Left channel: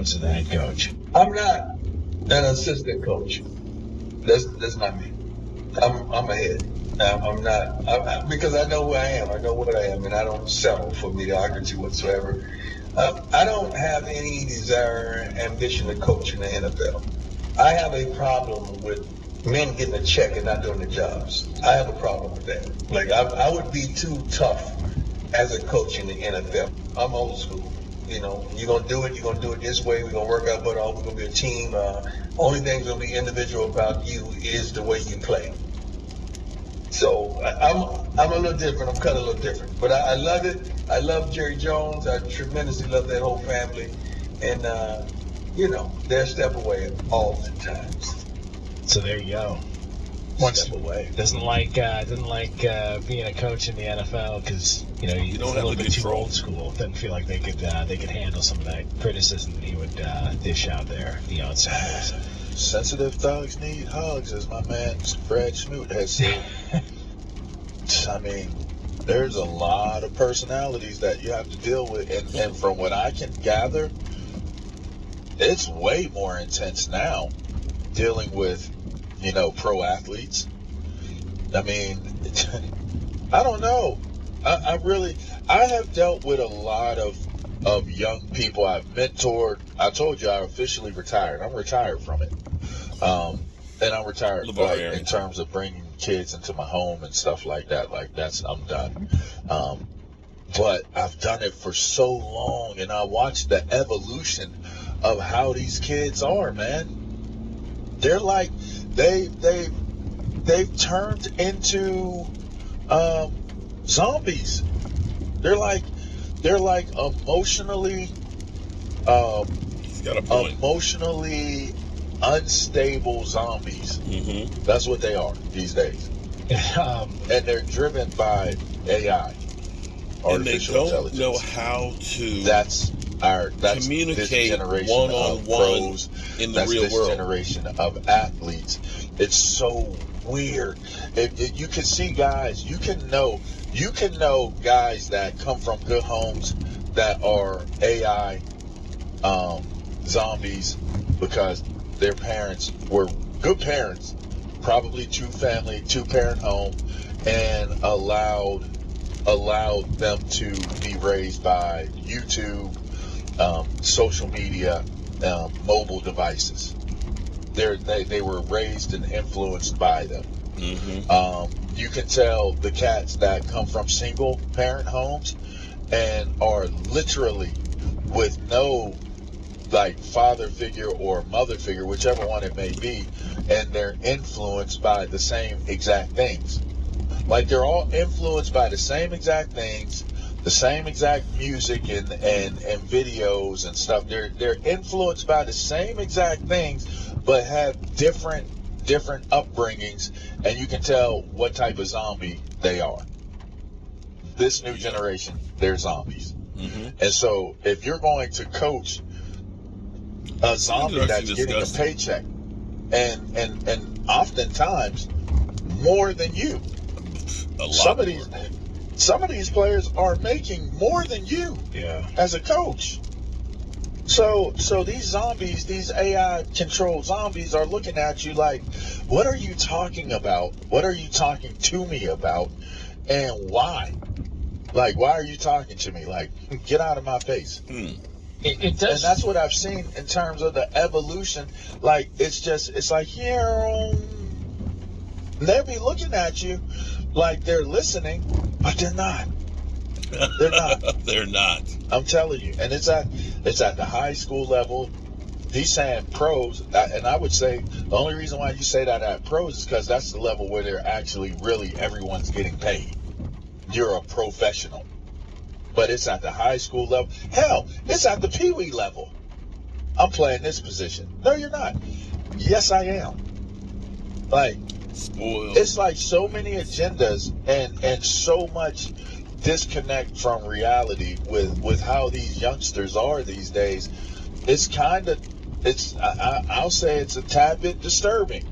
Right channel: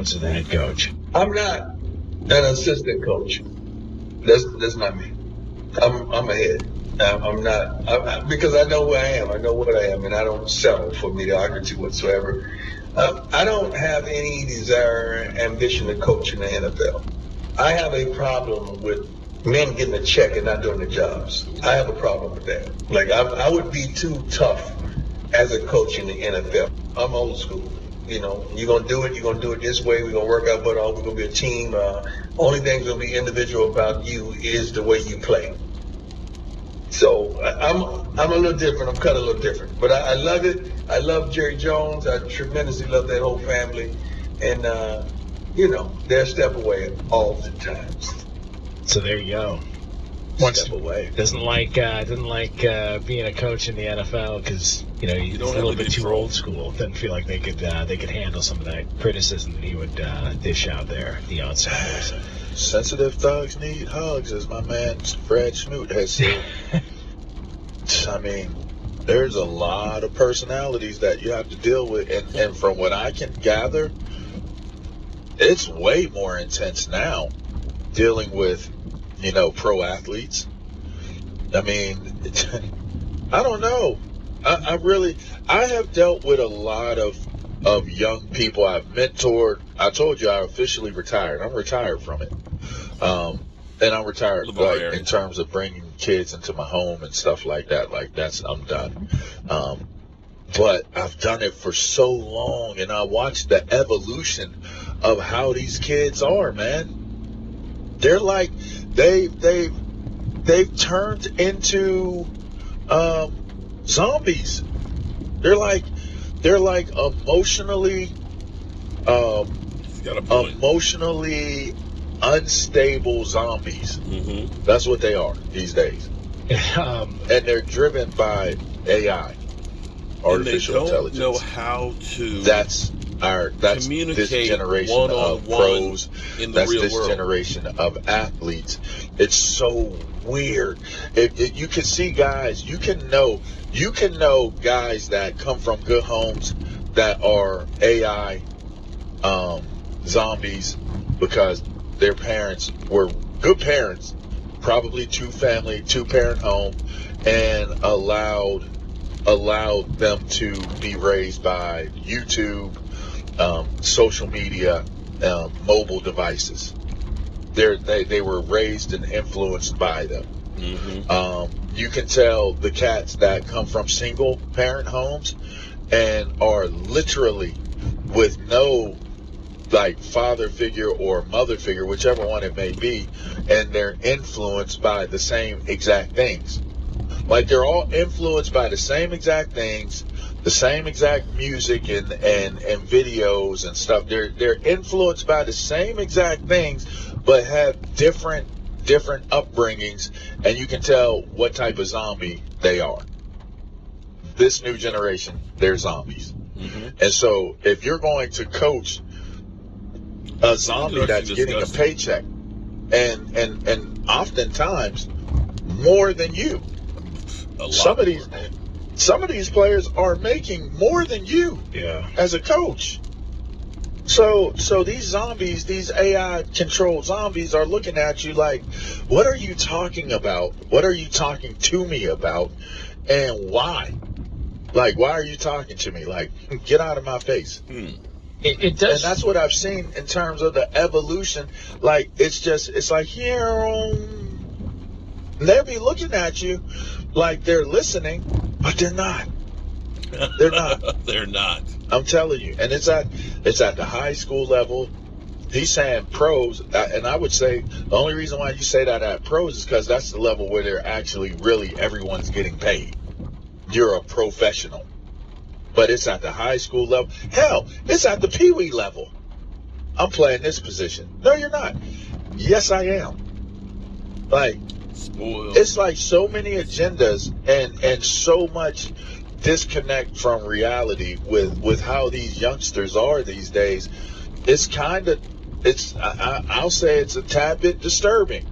as the head coach? I'm not an assistant coach. That's not me. I'm a head. I'm not, because I know who I am. I know what I am, and I don't settle for mediocrity whatsoever. I don't have any desire, ambition to coach in the NFL. I have a problem with men getting a check and not doing their jobs. I have a problem with that. Like, I would be too tough as a coach in the NFL. I'm old school. You're going to do it. You're going to do it this way. We're going to work out butt off. We're going to be a team. Only thing that's going to be individual about you is the way you play. So I'm a little different. I'm cut a little different. But I love it. I love Jerry Jones. I tremendously love that whole family. And, they're a step away all the time. So there you go. One step away. Doesn't like being a coach in the NFL because he's a little bit too old school. Doesn't feel like they could handle some of that criticism that he would dish out there. Deion Sanders. Sensitive thugs need hugs, as my man Fred Smoot has said. I mean, there's a lot of personalities that you have to deal with, and from what I can gather, it's way more intense now dealing with pro athletes. I mean, I don't know. I have dealt with a lot of young people I've mentored. I told you I officially retired. I'm retired from it. And I'm retired in terms of bringing kids into my home and stuff like that. I'm done. But I've done it for so long, and I watched the evolution of how these kids are, man. They're like, they've turned into zombies. They're like emotionally unstable zombies. Mm-hmm. That's what they are these days. And they're driven by AI, artificial intelligence. And they don't know how to that's communicate this generation one-on-one of pros, in the real this world. generation of athletes. It's so weird. You can see guys, you can know guys that come from good homes that are AI zombies because their parents were good parents, probably two-parent home, and allowed them to be raised by YouTube, social media, mobile devices. They were raised and influenced by them. Mm-hmm. You can tell the cats that come from single-parent homes and are literally with no father figure or mother figure, whichever one it may be, and they're influenced by the same exact things. They're all influenced by the same exact things, the same exact music and videos and stuff. They're influenced by the same exact things, but have different upbringings, and you can tell what type of zombie they are. This new generation, they're zombies. Mm-hmm. And so if you're going to coach a zombie that's getting a paycheck and oftentimes more than you, some of these players are making more than you as a coach. So these zombies, these AI controlled zombies are looking at you like, what are you talking about? What are you talking to me about? And why? Why are you talking to me? Get out of my face. It does. And that's what I've seen in terms of the evolution. It's like here, they'll be looking at you like they're listening, but they're not. They're not. They're not. I'm telling you. And it's at the high school level. He's saying pros, and I would say the only reason why you say that at pros is because that's the level where they're actually really everyone's getting paid. You're a professional. But it's at the high school level. Hell, it's at the peewee level. I'm playing this position. No, you're not. Yes, I am. Spoiled. It's like so many agendas and so much disconnect from reality with how these youngsters are these days. I'll say it's a tad bit disturbing.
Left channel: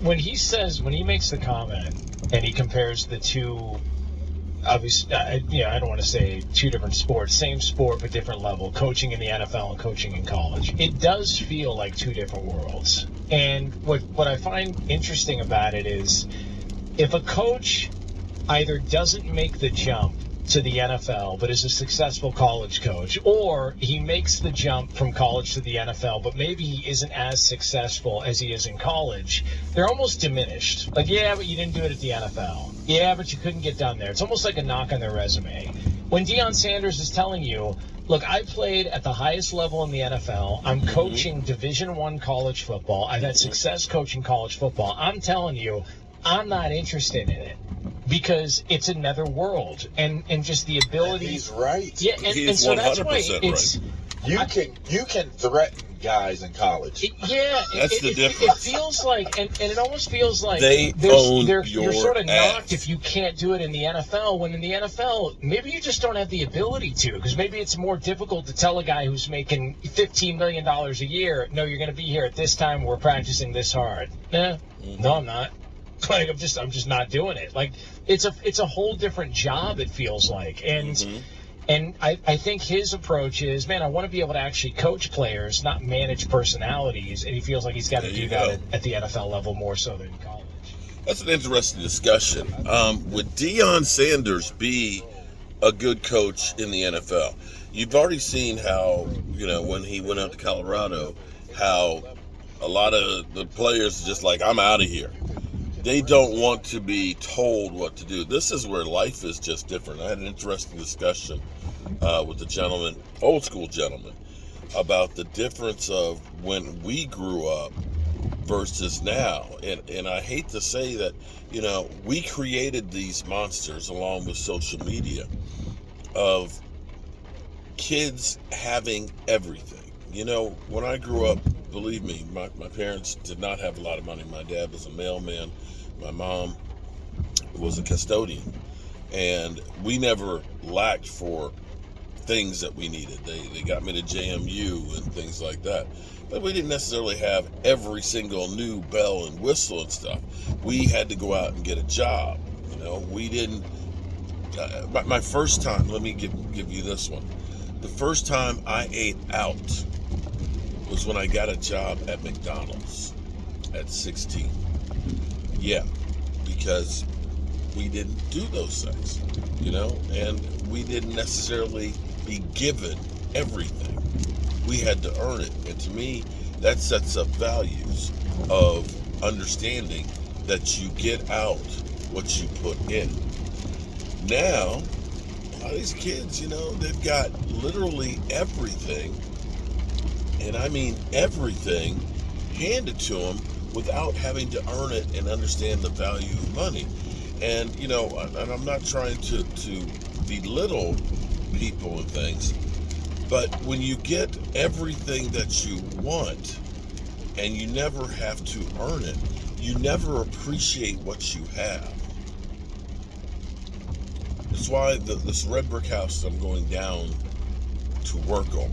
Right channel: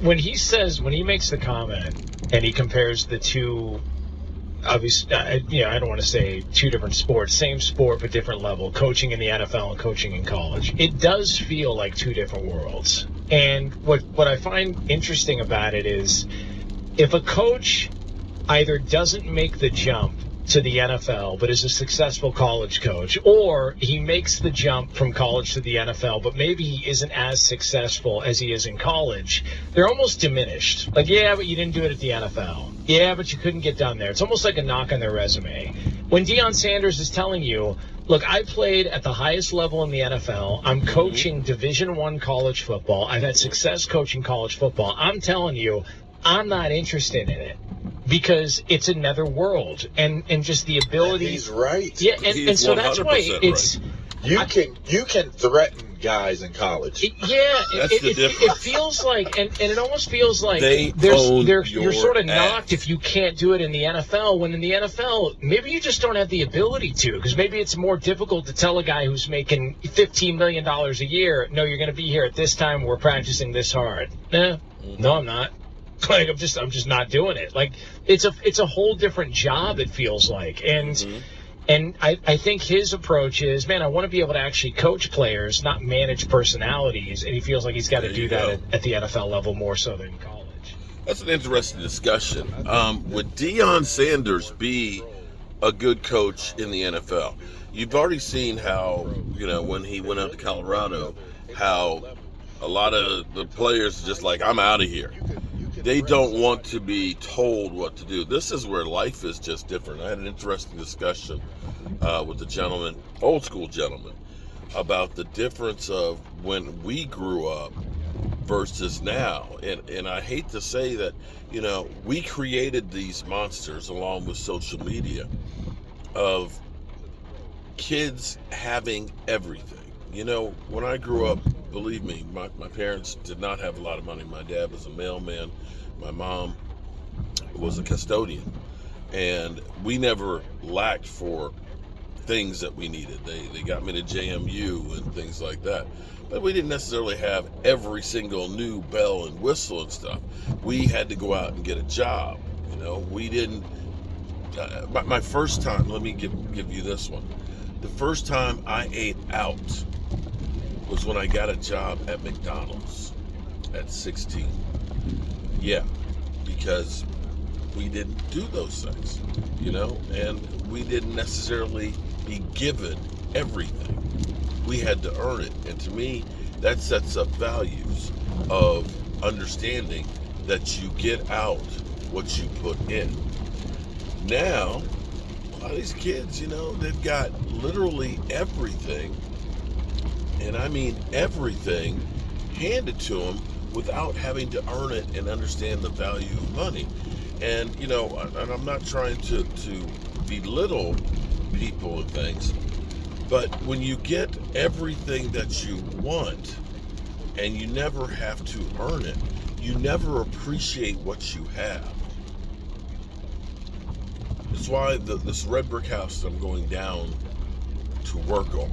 When he makes the comment and he compares the two obviously, I don't want to say two different sports, same sport but different level, coaching in the NFL and coaching in college. It does feel like two different worlds. And what I find interesting about it is if a coach either doesn't make the jump to the NFL but is a successful college coach, or he makes the jump from college to the NFL but maybe he isn't as successful as he is in college, they're almost diminished. Like, yeah, but you didn't do it at the NFL. Yeah, but you couldn't get done there. It's almost like a knock on their resume. When Deion Sanders is telling you, look, I played at the highest level in the NFL. I'm coaching Division I college football. I've had success coaching college football. I'm telling you, I'm not interested in it. Because it's another world, and just the ability. And he's right. Yeah, and so that's why it's. Right. You can threaten guys in college. That's the difference. It feels like, and it almost feels like you're sort of knocked if you can't do it in the NFL. When in the NFL, maybe you just don't have the ability to, because maybe it's more difficult to tell a guy who's making $15 million a year, no, you're going to be here at this time. We're practicing this hard. No, I'm not. Like I'm just not doing it. Like it's a whole different job, it feels like. And I think his approach is, man, I want to be able to actually coach players, not manage personalities. And he feels like he's got to do that at the NFL level more so than college. That's an interesting discussion. Would Deion Sanders be a good coach in the NFL? You've already seen how, when he went out to Colorado, how a lot of the players are just like, I'm out of here. They don't want to be told what to do. This is where life is just different. I had an interesting discussion with the gentleman, old school gentleman, about the difference of when we grew up versus now. And I hate to say that, we created these monsters along with social media of kids having everything. When I grew up, believe me, my parents did not have a lot of money. My dad was a mailman. My mom was a custodian. And we never lacked for things that we needed. They got me to JMU and things like that. But we didn't necessarily have every single new bell and whistle and stuff. We had to go out and get a job. We didn't... my first time, let me give you this one. The first time I ate out was when I got a job at McDonald's at 16. Yeah, because we didn't do those things, and we didn't necessarily be given everything. We had to earn it. And to me, that sets up values of understanding that you get out what you put in. Now, a lot of these kids, they've got literally everything, and I mean everything, handed to them without having to earn it and understand the value of money. And, and I'm not trying to belittle people and things, but when you get everything that you want and you never have to earn it, you never appreciate what you have. That's why this red brick house that I'm going down to work on,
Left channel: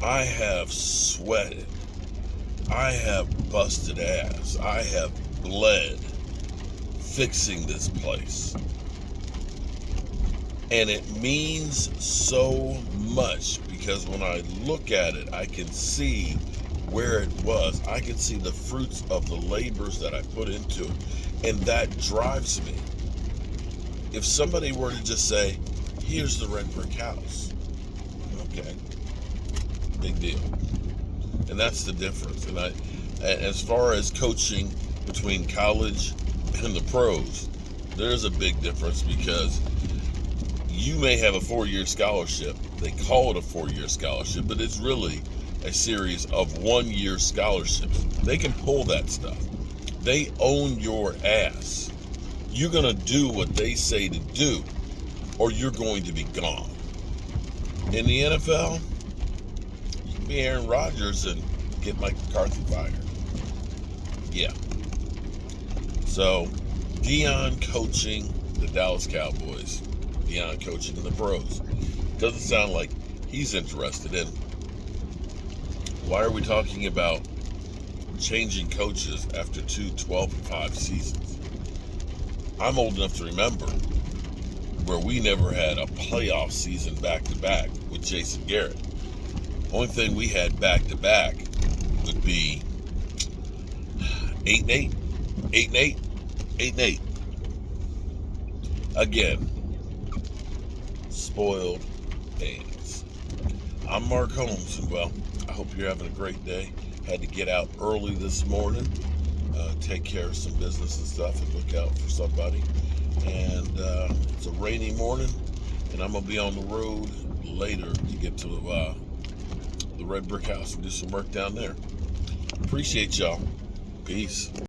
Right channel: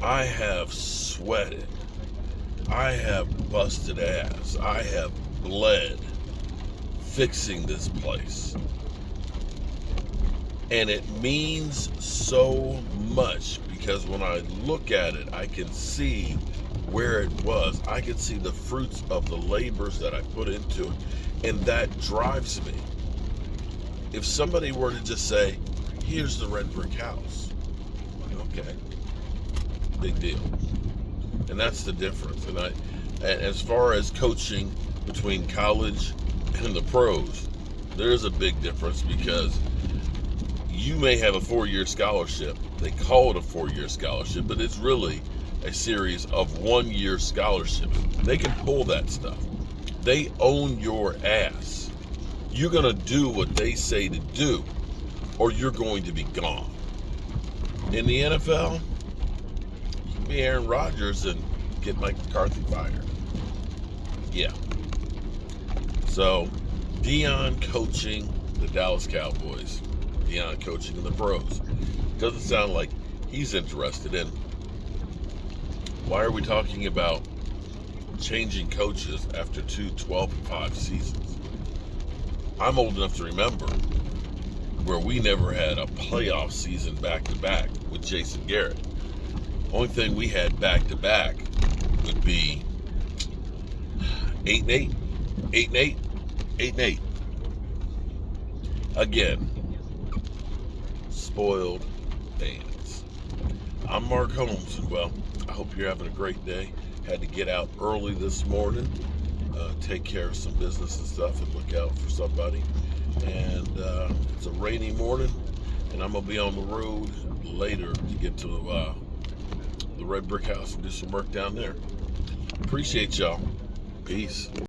I have sweated. I have busted ass. I have bled fixing this place. And it means so much because when I look at it, I can see where it was. I can see the fruits of the labors that I put into it. And that drives me. If somebody were to just say, here's the red brick house. Okay. Big deal. And that's the difference. And as far as coaching between college and the pros, there's a big difference because you may have a 4-year scholarship. They call it a 4-year scholarship, but it's really a series of 1-year scholarships. They can pull that stuff. They own your ass. You're going to do what they say to do, or you're going to be gone. In the NFL, you can be Aaron Rodgers and get Mike McCarthy fired. Yeah. So, Deion coaching the Dallas Cowboys, Deion coaching the pros. Doesn't sound like he's interested in. Why are we talking about changing coaches after 2 12-5 seasons? I'm old enough to remember where we never had a playoff season back-to-back with Jason Garrett. Only thing we had back-to-back would be 8-8, 8-8, 8-8. Again, spoiled fans. I'm Mark Holmes, and well, I hope you're having a great day. Had to get out early this morning, take care of some business and stuff, and look out for somebody. And it's a rainy morning, and I'm gonna be on the road later to get to the Red Brick House and do some work down there. Appreciate y'all. Peace.